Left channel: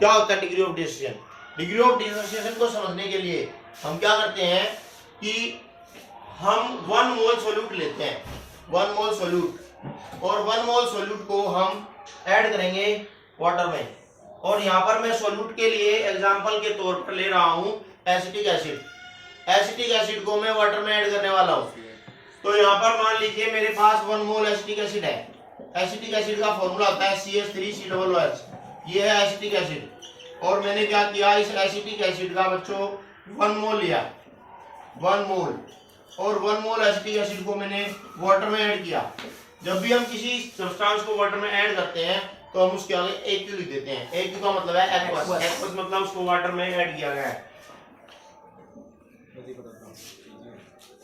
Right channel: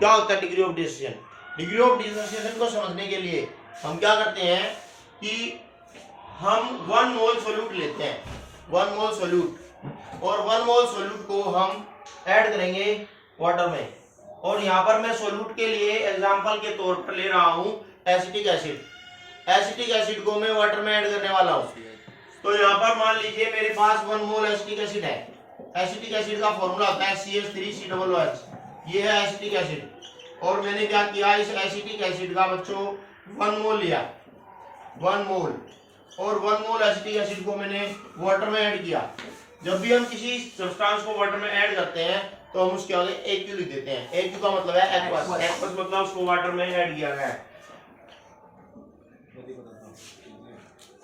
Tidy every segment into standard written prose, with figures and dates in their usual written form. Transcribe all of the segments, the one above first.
क्या होता है degree of dissociation? Degree of dissociation को समझने के लिए हम क्या करते हैं कि हम 1 मोल सोल्यूट लेते हैं, 1 मोल सोल्यूट, और 1 मोल सोल्यूट को हम ऐड करेंगे वाटर में। और यहाँ पर मैं सोल्यूट के लिए एग्जांपल के तौर पर ले रहा हूँ एसिटिक एसिड। एसिटिक एसिड को मैं वाटर में ऐड करने वाला हूँ। तो यहाँ पर मान लीजिए मेरे पास 1 मोल एसिटिक एसिड है। एसिटिक एसिड का फॉर्मूला होता है CH3COOH। ये है एसिटिक एसिड। और मैंने क्या किया, इस एसिटिक एसिड का बच्चों 1 मोल लिया, 1 मोल, और 1 मोल एसिटिक एसिड को मैंने वाटर में ऐड किया। जब भी हम किसी सब्सटेंस को वाटर में ऐड करते हैं तो हम उसके आगे AQ लिख देते हैं। AQ का मतलब है एक्वस। एक्वस मतलब उसको वाटर में ऐड किया गया है।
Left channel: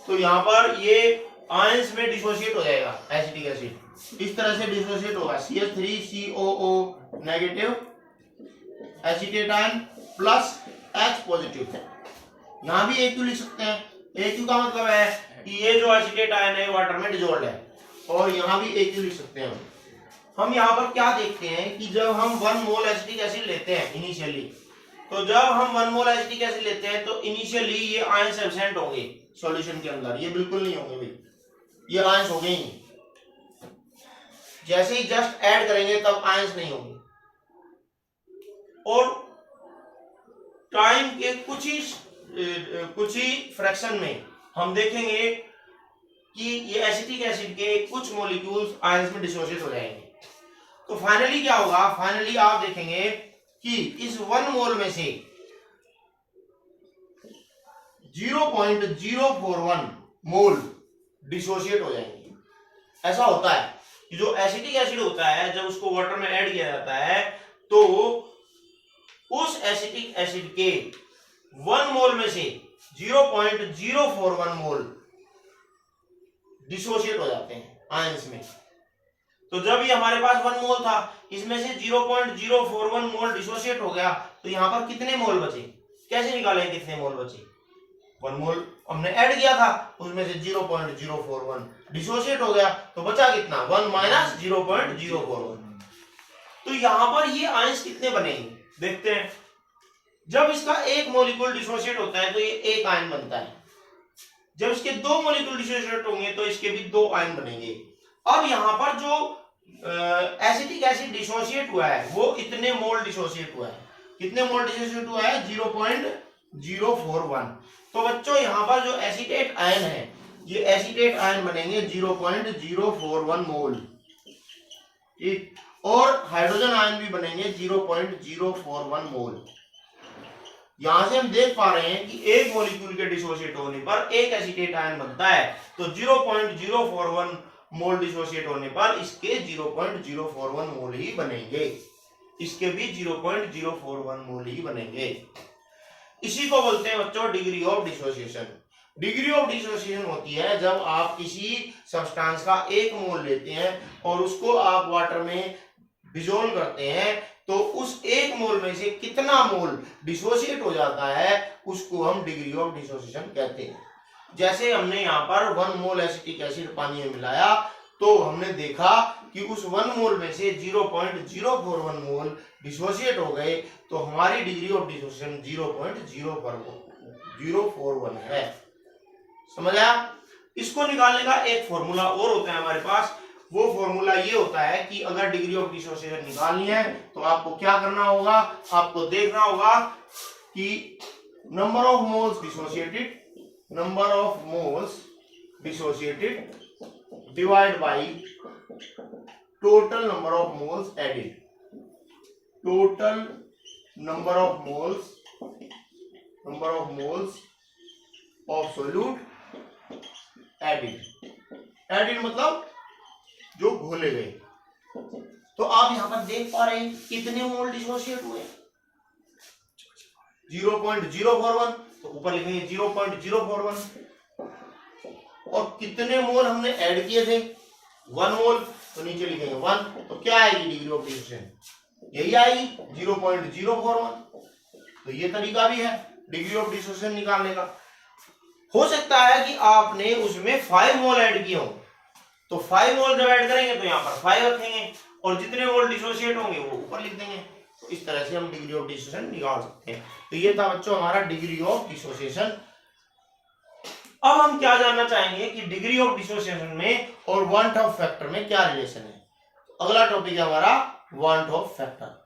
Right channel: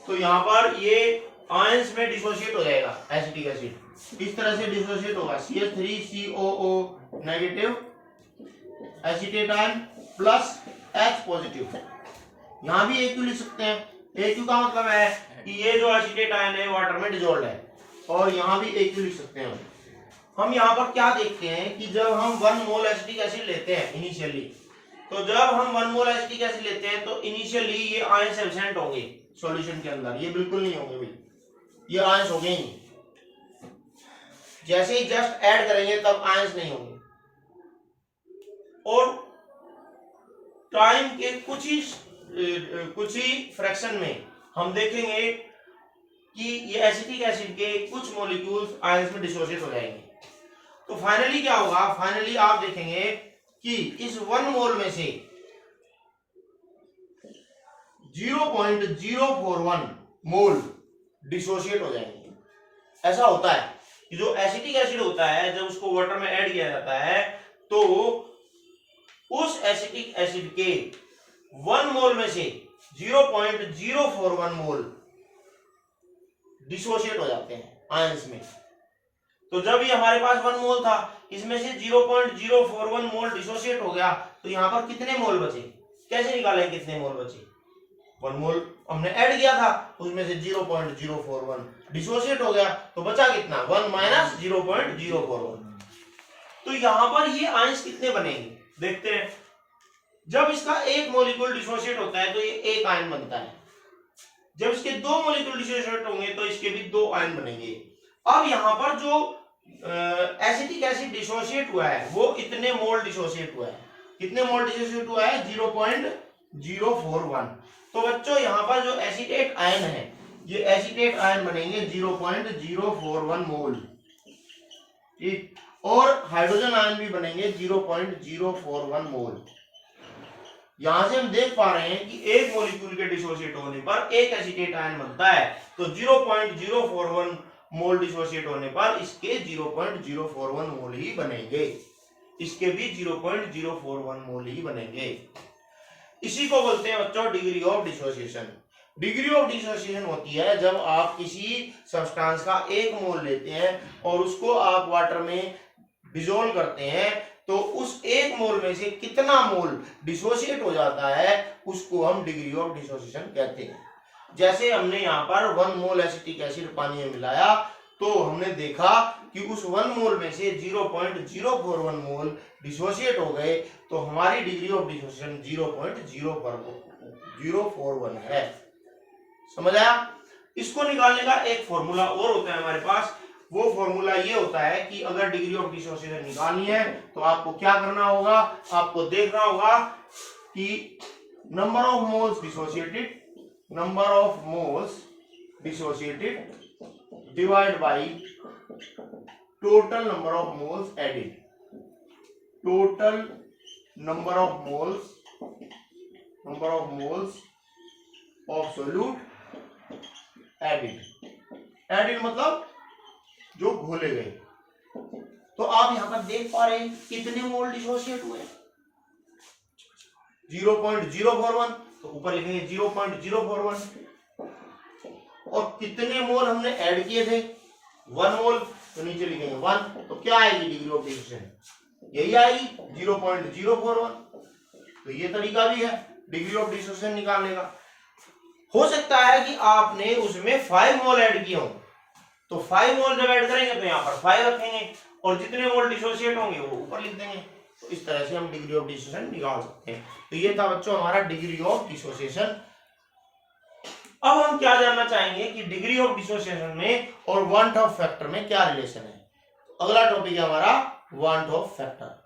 तो यहाँ पर ये आयंस में डिसोशिएट हो जाएगा एसिटिक एसिड। इस तरह से डिसोशिएट होगा CH3COO negative acetate ion plus H positive. यहाँ भी AQ लिख सकते हैं। AQ का मतलब है कि ये जो एसीटेट आयन है वाटर में डिसॉल्व है, और यहाँ भी AQ लिख सकते हैं। हम यहाँ पर क्या देखते हैं कि जब हम 1 मोल एसिटिक एसिड लेते हैं इनिशियली, तो जब हम 1 मोल एसिटिक एसिड लेते हैं तो इनिशियली ये आयंस एब्सेंट होंगे सॉल्यूशन के अंदर, ये बिल्कुल नहीं होंगे भाई, ये आयंस हो गए ही। जैसे ही जस्ट ऐड करेंगे तब आयंस नहीं होंगे। और टाइम के कुछ ही फ्रैक्शन में हम देखेंगे कि ये एसिटिक एसिड के कुछ मॉलिक्यूल्स आयंस में डिसोसिएट हो जाएंगे। तो फाइनली क्या होगा, फाइनली आप देखेंगे कि इस 1 मोल में से 0.041 मोल डिसोशिएट हो जाएंगे। ऐसा होता है कि जो एसिटिक एसिड होता है जब उसको वाटर में ऐड किया जाता है तो उस एसिटिक एसिड के 1 मोल में से 0.041 मोल डिसोशिएट हो जाते हैं आयंस में। तो जब ये हमारे पास 1 मोल था, इसमें से 0.041 मोल डिसोशिएट हो गया, तो यहाँ पर कितने मोल बचे? कैसे निकालें कितने मोल बचे? 1 मोल हमने ऐड किया था, उसमें से 0.041 डिसोशिएट हो गया, तो बचा कितना? 1 माइनस 0.041। तो यहाँ पर ये आयंस कितने बनेंगे देखते हैं। जब इसका एक मॉलिक्यूल डिसोशिएट होता है तो ये एक आयन बनता है। जब इसके 2 मॉलिक्यूल डिसोशिएट होंगे तो इसके भी 2 आयन बनेंगे। अब यहाँ पर जो एसिटिक एसिड डिसोशिएट हुआ है वो इतने मोल डिसोशिएट हुआ है। कितने मोल डिसोशिएट हुआ है? 0.041। तो बच्चों यहाँ पर जो एसीटेट आयन है, ये एसीटेट आयन बनेंगे 0.041 मोल, ठीक। और हाइड्रोजन आयन भी बनेंगे 0.041 मोल। यहां से हम देख पा रहे हैं कि एक मॉलिक्यूल के डिसोशिएट होने पर एक एसीटेट आयन बनता है, तो 0.041 मोल डिसोशिएट होने पर इसके 0.041 मोल ही बनेंगे, इसके भी 0.041 मोल ही बनेंगे। इसी को बोलते हैं बच्चों degree of dissociation. Degree of dissociation होती है जब आप किसी सब्सटेंस का 1 मोल लेते हैं और उसको आप वाटर में डिसॉल्व करते हैं, तो उस 1 मोल में से कितना मोल डिसोशिएट हो जाता है उसको हम डिग्री ऑफ डिसोसिएशन कहते हैं। जैसे हमने यहाँ पर 1 मोल एसिटिक एसिड पानी में मिलाया तो हमने देखा कि उस 1 मोल में से 0.041 मोल डिसोशिएट हो गए, तो हमारी डिग्री ऑफ डिसोसिएशन 0.041 है। समझ आया? इसको निकालने का एक फॉर्मूला और होता है हमारे पास। वो फॉर्मूला ये होता है कि अगर डिग्री ऑफ डिसोसिएशन निकालनी है तो आपको क्या करना होगा, आपको देखना होगा कि number of moles dissociated divide by total number of moles added. Total number of moles of solute added. Added मतलब जो घोले गए। तो आप यहां पर देख पा रहे हैं कितने मोल डिसोशिएट हुए? 0.041, तो ऊपर लिखेंगे 0.041। और कितने मोल हमने ऐड किए थे? 1 मोल, तो नीचे लिखेंगे 1। तो क्या आएगी डिग्री ऑफ डिसोसिएशन? यही आएगी 0.041। तो ये तरीका भी है डिग्री ऑफ डिसोसिएशन निकालने का। हो सकता है कि आपने उसमें 5 मोल ऐड किए हो, तो 5 मोल जब ऐड करेंगे तो यहाँ पर 5 रखेंगे और जितने मोल डिसोशिएट होंगे वो ऊपर लिख देंगे। तो इस तरह से हम डिग्री ऑफ डिसोसिएशन निकाल सकते हैं। तो ये था बच्चों हमारा डिग्री ऑफ डिसोसिएशन। अब हम क्या जानना चाहेंगे कि डिग्री ऑफ डिसोसिएशन में और वांट ऑफ फैक्टर में क्या रिलेशन है। अगला टॉपिक है हमारा वांट ऑफ फैक्टर।